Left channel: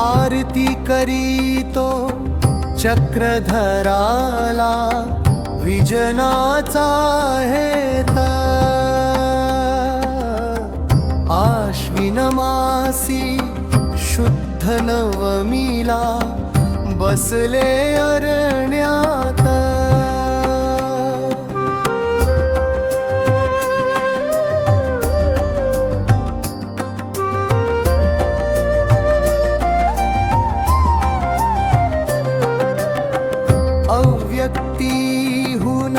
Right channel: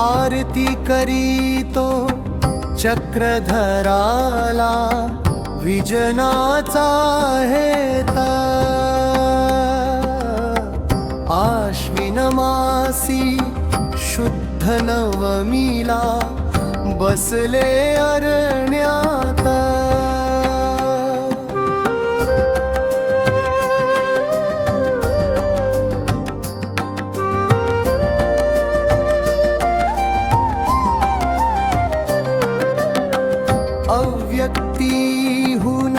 आरती करीतो चक्रधराला विजनाचा हेता आश्विन मासी शुद्ध नवमीला बसले अरण्यात अव्यक्तीहून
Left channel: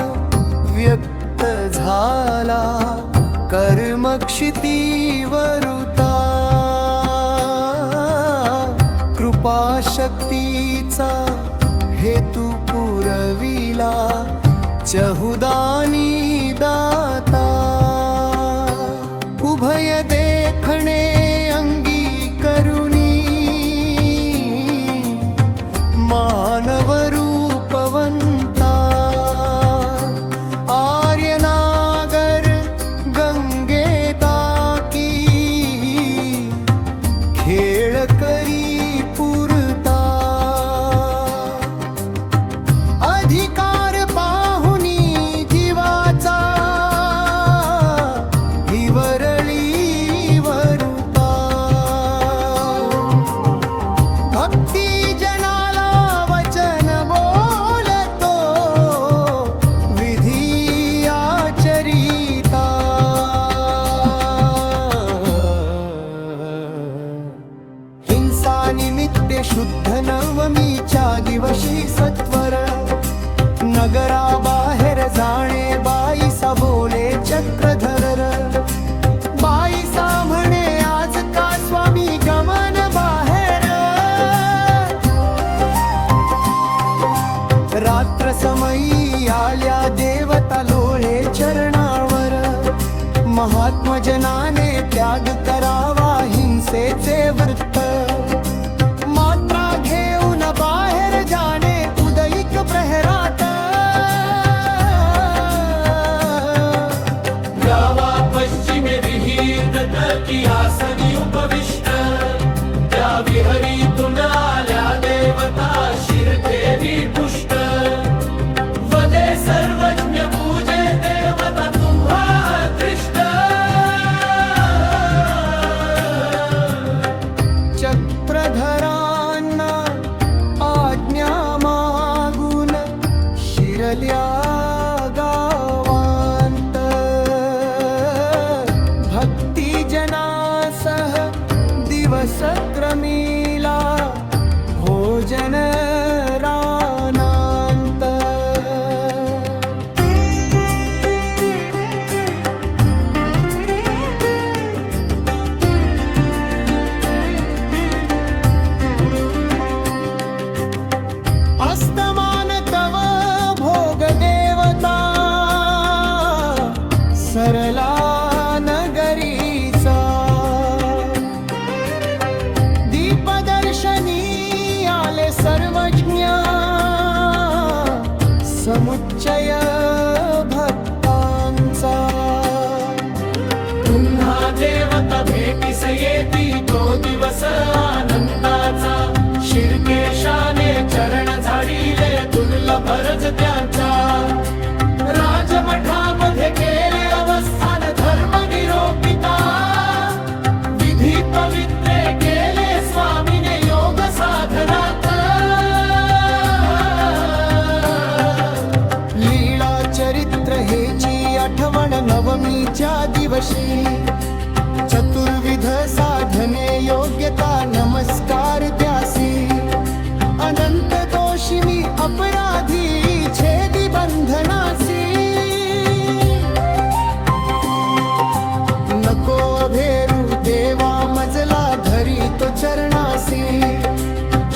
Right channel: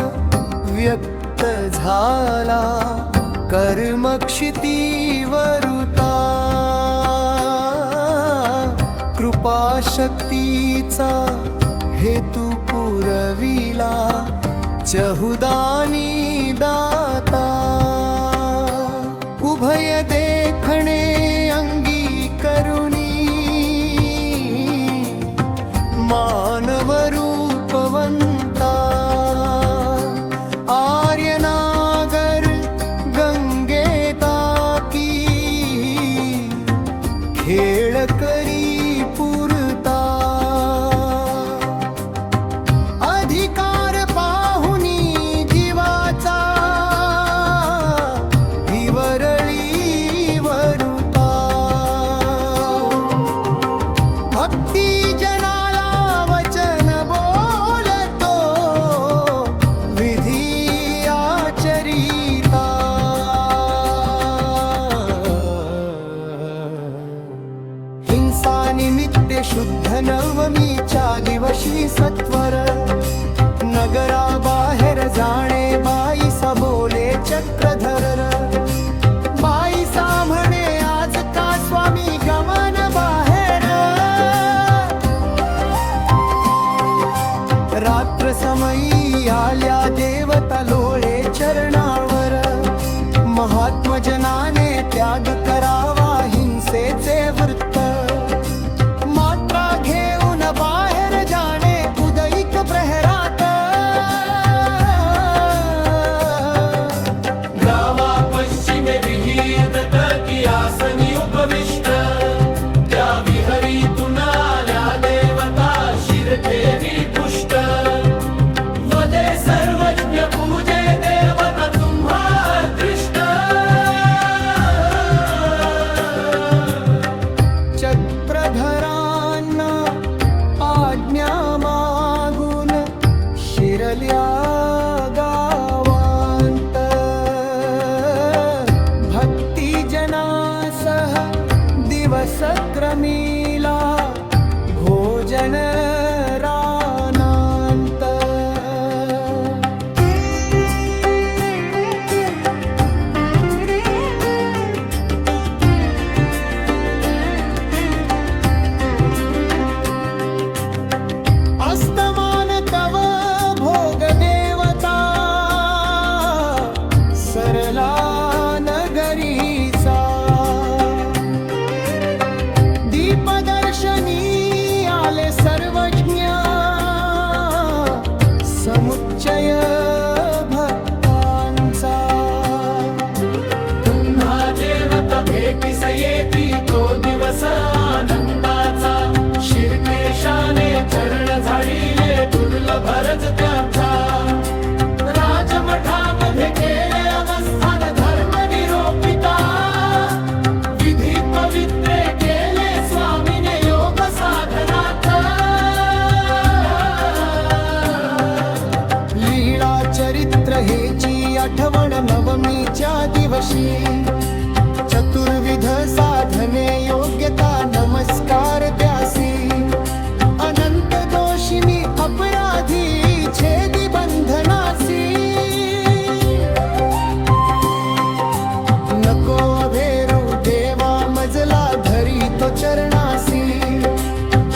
व्यक्त झाला कर्मक्षितीवरुता कृपाशक्तीचा हेतू पुरविला चहुदानी दाता उभय देखणे अंगी करुणी मानवरूपवंता आर्यनागर गंगेता की खेळ करी पुरता अधिकार पाहुनी जीवाचा हिवरळी वरुता भक्ती जनाला वचन बोलतो विधी आचरिता हिंसा निमित्ते शुद्ध नवमीच्या दिवशी सत्वर नगराबाहेर जाणे बाईसा बोले चक्रधर बाईसा म्हणे आज का स्वामी गमन बाहेर रात्र समयी आल्या देवता लोळे चरणावर महात्मजनाने त्याग करावा हिंसेचे वृत्त मात्रा घेऊन बाहेर जाणे उदयिक प्रहरात गावा पश्चिमे विहीर की आसनी उपविष्ट त्या विहरीतून आल्या देवता शिरदेवी पुष्ट वदे सर्वज्ञ पूजे देवता तुम्हा दृष्ट चक्रधरांना आज्ञा मागून शिरल्या गावांत भक्तिजनासह दिवस क्रमीला भोजन रानांत अस्तमान तव भोग देवता सरला नगरीचा दीपदर्शनी आले सर्वज्ञ समुच्चय भक्तांचा पुन्हा देवता भेटीस येती तो दिवस आनंदाचा शिरकेशाने चरण झाडिले दुर्लभ रज त्यांचा राजमठामध्ये केले अवस्थान धर्म निरोपिता विधी पवित्रे केले स्वामीने योग साधनाचा लीळा चरित्र हेची आठवण नवमीच्या दिवशी चतुर्विध साधने योग्यता नमस्कार त्यासी अनंत दोषी मी अपराधी छेदी बंधनासी नको अभेरू देवा मजला धरी तो चरणासी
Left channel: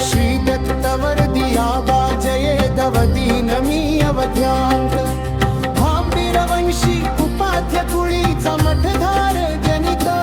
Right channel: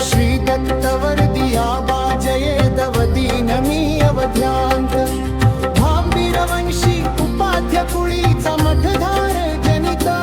श्री दत्तवर्दिया बाजये दवदीन मी अवध्यांत भांबीरवंशी उपाध्य कुळीचा मठधार जनिता